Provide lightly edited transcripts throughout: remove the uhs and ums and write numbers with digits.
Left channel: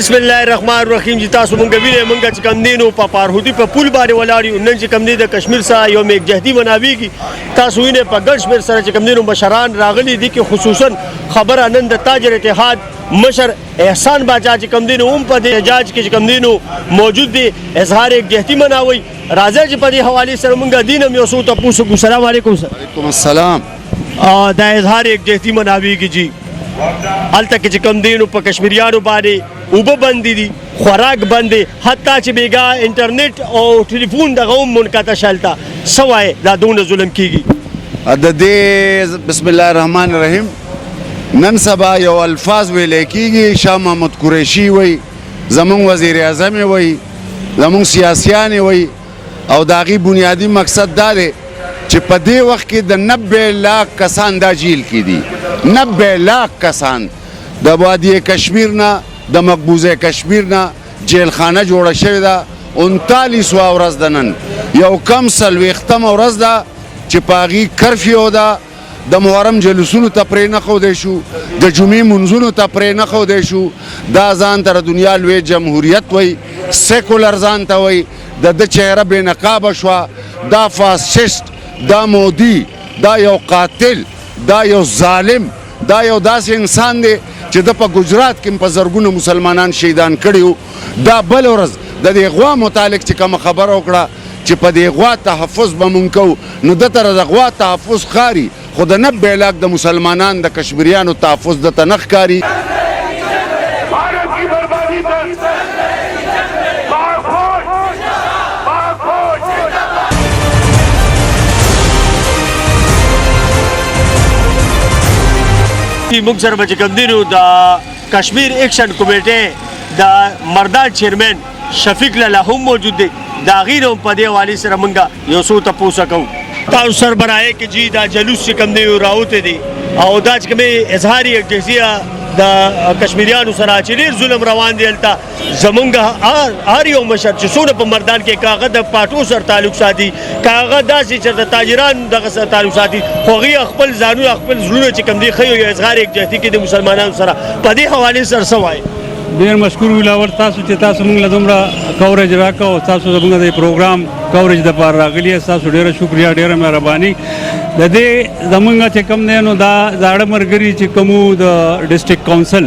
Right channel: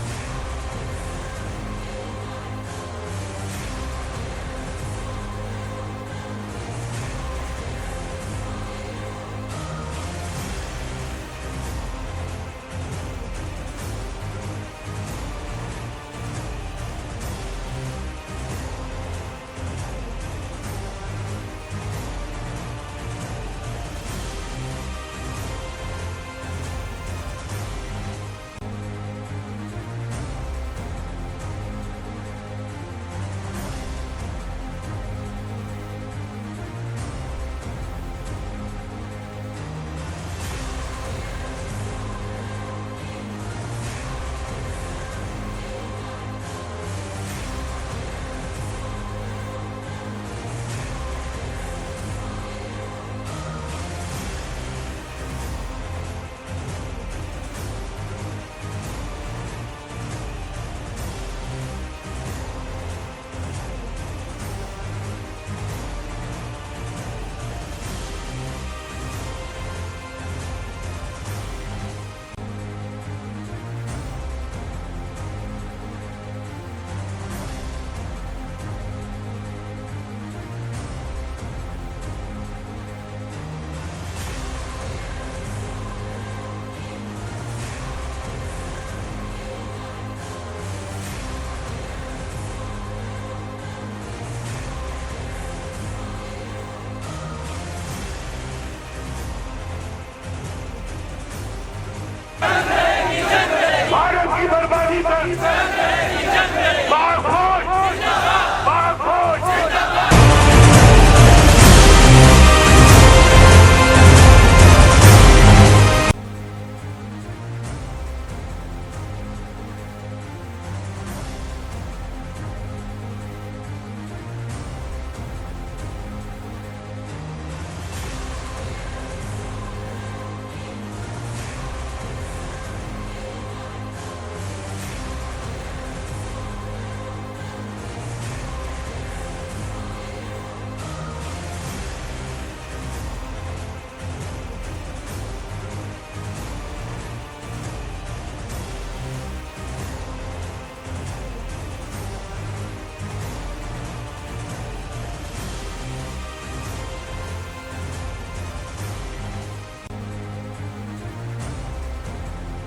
بسم الله الرحمن الرحیم. چې تاسو مونږ وینئ مونږ چې کوم دی نو په پارهودي په پل باندې ولاړ یو. نن چې کوم دی د کشمیر سره یو میکجهتي مناویږي. تاسو وینئ په ګڼ شمېر سره چې کوم دی نو مشران راغلي دي کې خصوصا خبره نن د تاجر اتحاد مشر احسان باچا چې کوم دی نو هم په دې احتجاج کې چې کوم دی نو موجود دي اظهار یکجهتي مناوي. راځئ چې په دې حوالې سره مونږ دین هم یو څه تپوس وکړو. السلام علیکم سر. وعلیکم السلام. دا اظهار یکجهتي مناویږي جی هلته کې چې کوم دی نو په کشمیریانو باندې اوبه بندې دي، خوراک بند دی، حتی چې بیګا انټرنیټ او ټلیفون دغه هم منقطع شلته. څه وایې دا دونه ظلم کیږي؟ د دې بسم الله الرحمن الرحیم نن سبا یو الفاظ ویلی کېږي. شاه محمود قریشي وی، زمونږ وزیر اعظم یې وی، زمونږ سیاسیان یې وی، او د هغې بنیادي مقصد دا دی چې په دې وخت کې د 90 لاک کسان دا جیل کې دي. 90 لاک کسان د وادي کشمیر نه، د مقبوضه کشمیر نه جیلخانه جوړه شوې ده. 39 ورځ ده نن، یو کم 40 ورځ ده چې په هغې کرفیو ده. د محرم جلوسونو ته پرې نه ښودی شو، د جمعې منځونو ته پرې نه ښودی شو. دا ځان ته د دنیا لوی جمهوریت وی، سیکولر ځان ته وی. د ده چهره بې نقابه شوه. دا فاسشست، دا مودي، دا یو قاتل، دا یو ظالم، دا یو داسې انسان دی چې د په ګجرات کې په زرګونو مسلمانان شهیدان کړي وو. دا بل ورځ د دې غوا متعلق چې کومه خبره وکړه چې په دې غوا تحفظ به مونږ کوو، نو ده ته د غوا تحفظ ښکاري، خو د 90 لاک د مسلمانان د کشمیریانو تحفظ ده ته نه ښکاري. موږ سره به چې کوم دی نو د کشمیر ایکشن کمیټې د مردان چیرمن شفیق لالا هم موجود دی. د هغې نه هم په دې حوالې سره موږ یو څه تپوسه کوو. تاسو سربراهۍ کې جی دا جلوس چې کوم دی راوتی دی او دا چې کومې اظهار یکجهتي د کشمیریانو سره چې ډېر ظلم روان دی. هلته زمونږ هر یو مشر چې څومره په مردان کې که هغه د پاټو سره تعلق ساتي، که هغه داسې چې د تاجرانو دغه سره تعلق ساتي، خو هغوی خپل ځانونه خپل زړونه چې کوم دی ښیي یو اظهار یکجهتي کې د مسلمانانو سره. په دې حوالې سره څه وایي؟ ډېر مشکور ولاور تاسو چې تاسو موږ له دومره کوریج راکړه او تاسو زموږ د پروګرام کوریج دپاره راغلي یاست. تاسو ډېره شکریه، ډېره مهرباني. د دې زموږ چې کوم دی نو دا زاړه ملګري چې کوم د ډسټرکټ کونسل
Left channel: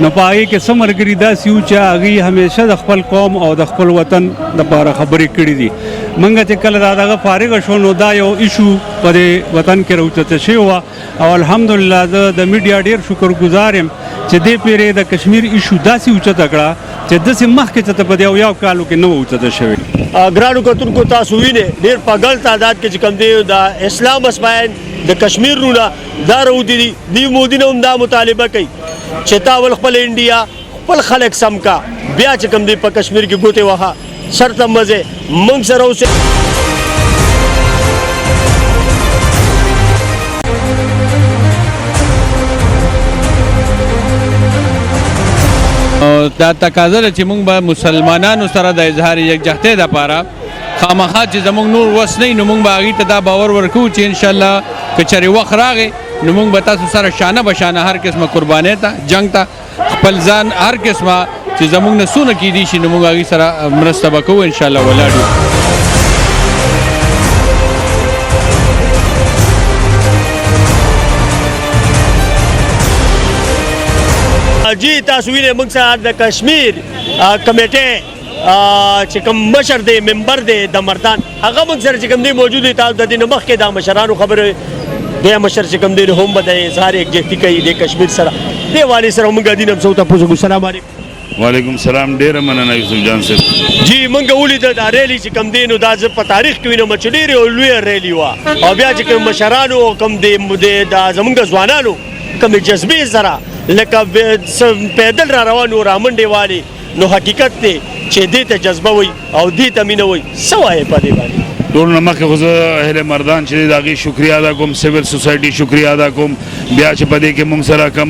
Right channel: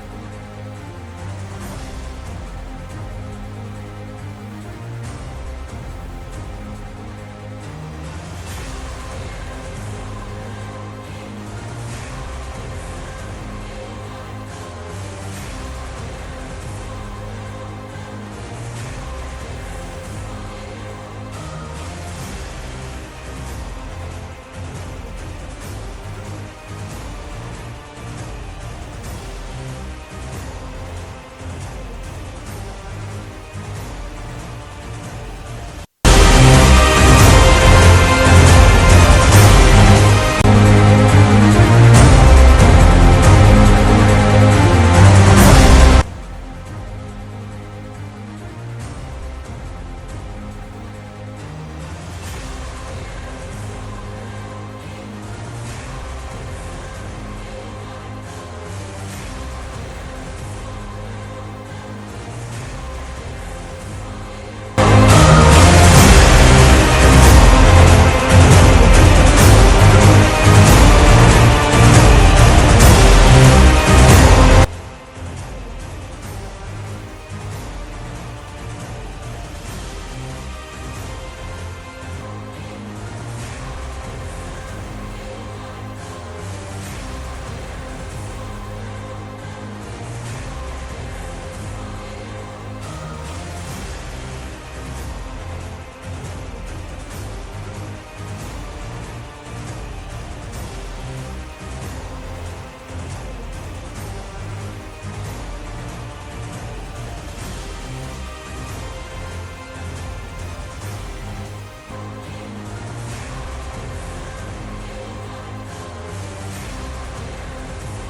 نو په هغې کې څه ملګري داسې وو چې هغوی همیشه د خپل قوم او د خپل وطن دپاره خبرې کړي دي. موږ چې کله دا دغه فارغه شو نو دا یو ایشو په دې وطن کې راوچته شوې وه او الحمدلله زه د میډیا ډېر شکرګزار یم چې دې پیرې د کشمیر ایشو داسې اوچته کړه چې داسې مخکې ته په دې اویاو کالو کې نه وه اوچته شوې. ګرانو کتونکو تاسو وینئ ډېر په ګڼ تعداد کې چې کوم دی د اسلام اسماعیل د کشمیر رونه دا راوتي دي. دوی مودي نه هم دا مطالبه کوي چې تا ول خپل انډیا خپل خلک سم کا، بیا چې کوم دی په کشمیر کې ګوتې وهه شرطه مزې موږ سره اوسئ. دا تقاضا ده چې موږ به مسلمانانو سره د اظهار یکجهتۍ دپاره خامخا چې زموږ نور وس نه وي نو موږ به هغې ته دا باور ورکوو چې انشاءالله که چېرې وخت راغی نو موږ به تاسو سره شانه به شانه هر قسمه قربانۍ ته، جنګ ته، خپل ځان هر قسمه چې زموږ نه څونه کیدی شي نو موږ هغې سره مرسته به کوو انشاءالله ولاړ یو. جی تاسو وینئ موږ سره د کشمیر کمیټې چې کوم مشر دی، ممبر دی د مردان، هغه موږ سره چې کوم دی موجود دی. تاسو د دې نه مخکې د مشرانو خبرې دی مشر چې کوم دی هم به د اظهار یکجهتي کوي د کشمیر سره. دې حوالې سره موږ دین هم څه تپوس وکړو. السلام علیکم. وعلیکم السلام. ډېره مننه یوسف جان صاحب. جی موږ ولیده دا ریلي چې کوم دی نو دا زه په تاریخ کې وینم چې ډېرې لویه ریلي وه او بیا چې کوم مشرانو او کوم د زموږ ځوانانو کومې جذبې سره لکه پیدل را روان و رامنډې والي، نو حقیقت دی چې دې ته جذبه وي او دې ته مینه وي. څه وایې په دې باندې؟ ټول نه مخکې خو زه اهل مردان چې د هغې شکریه ادا کوم سیول سوسایټي شکریه ادا کوم بیا چې په دې کې موږ سره کم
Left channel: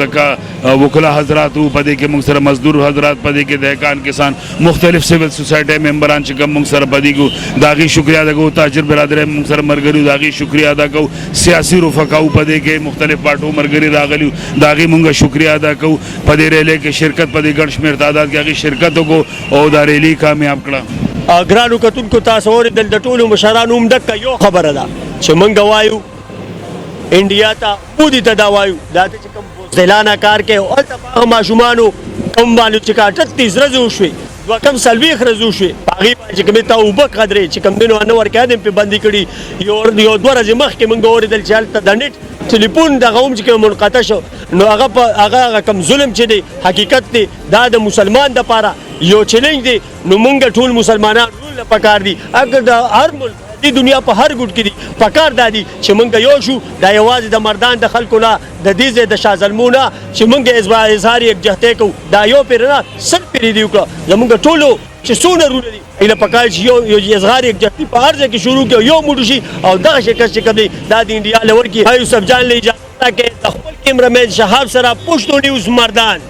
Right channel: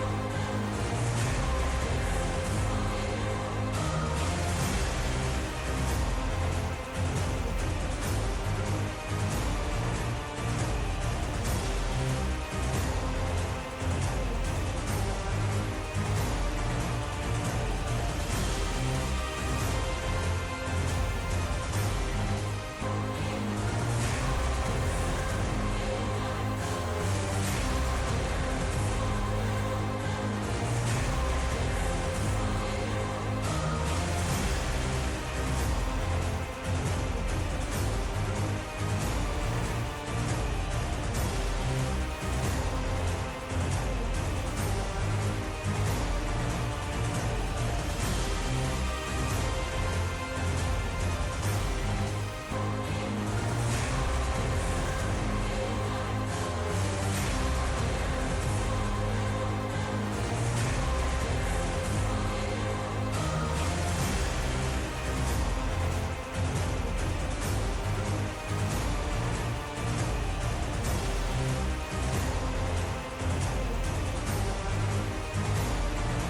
د وکلا حضرات وو په دې کې موږ سره مزدور حضرات په دې کې دهقان کسان مختلف سیول سوسایټي ممبران چې کوم موږ سره په دې کې د هغې شکریه ادا کوو تاجر برادر موږ سره ملګري د هغې شکریه ادا کوو سیاسي رفقاو په دې کې مختلف پارټو ملګري راغلي د هغې موږ شکریه ادا کوو په دې ریلۍ کې شرکت په دې ګڼ شمېر تعداد کې هغې شرکت وکړو او دا ریلي کامیاب کړه ګرانو کتونکو تاسو اورېدل د ټولو مشرانو هم دکه یو خبره ده چې موږ وایو انډیا ته مودي ته دا وایو دا چې کوم بوزدلانه کار کوي هلته په هغه ماشومانو کوم باندې چې کا 38 ورځې وشوې دوه کم 40 ورځې وشوې په هغې باندې چې کومې ته اوبه قدرې چې کوم دینو نه ورکوي پې بندي کړي یو 2 ورځې مخکې موږ اورېدل چې هلته د نېټ ټلیفون دغه هم چې کوم منقطع شو نو هغه کم ظلم چې دی حقیقت دی دا د مسلمان دپاره یو چیلنج دی نو موږ ټول مسلمانان ټول پکار دي اگر د هر ملک د دنیا په هر ګوټ کې دي پکار دا دي چې موږ یو شو دا یوازې د مردان د خلکو نه د دې ځای د شاه زلمو نه چې موږ اظهار یکجهتۍ کوو دا یو پېره نه 100 پېرې دي وکړه زموږ ټولو چې څونه رونه دي ایله پکار چې یو اظهار یکجهتۍ په هر ځای کې شروع کړي یو موټو شي او دغه شکست چې کوم دی دا د انډیا له ورکي یوسف جان له اجازه کې د خپل کیمرامین شهاب سره پښتو نیوز مردان